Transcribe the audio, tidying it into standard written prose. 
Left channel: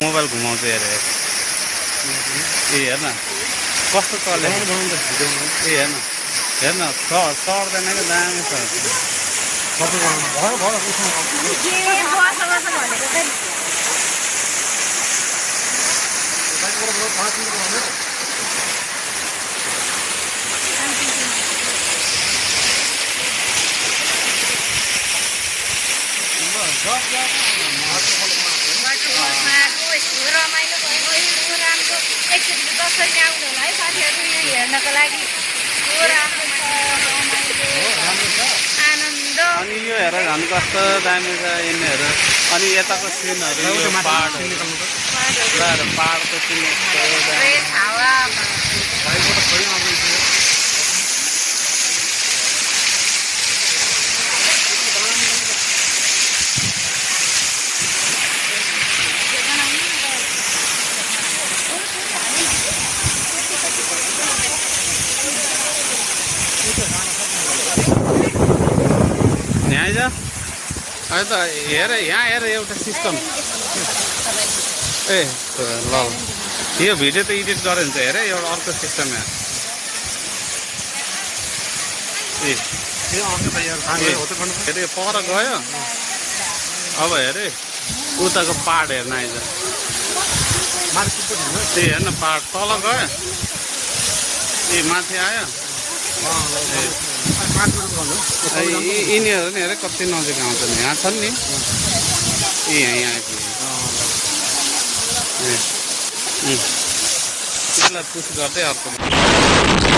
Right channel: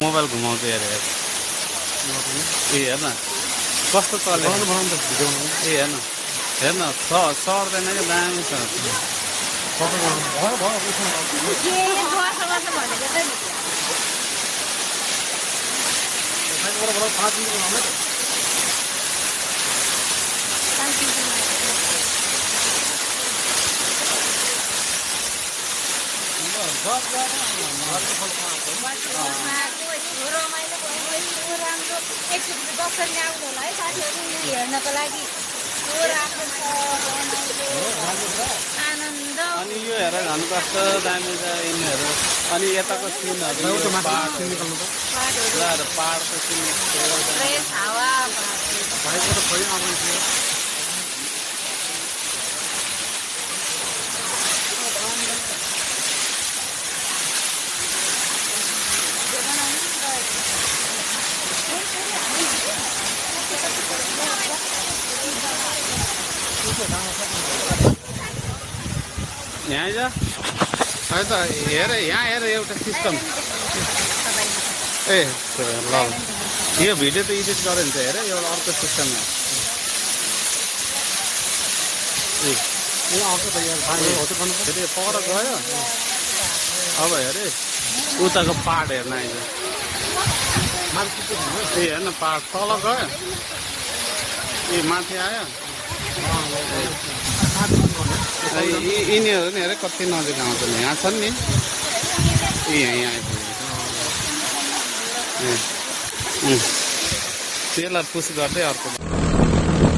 mobile घुमाउँछ हेरेर ए हेर्न कस्तो चल्यो ए हेर्न हेर्न सर्दैन कि दामी छ अनि यो हेर झन् कस्तो दामी छ यिनीहरू अनि यताको सिनहरू यो पाहाडको सिन हेर यहाँ हेर एउटा सिस्टम ए ल यो भिडियो त एडिट गऱ्यो भने चाहिँ हेर यो अर्को सिस्टम हेरे पर गयो अब हेरे उताको पाहाड हेर्न आइज हेर्न पाहाड तल गयो ए माथि आयो यिनीहरू नि हेर कति नजिक आउँछ यहाँ छन् नि ए यहाँ त्यसलाई पुस गर्दै अर्को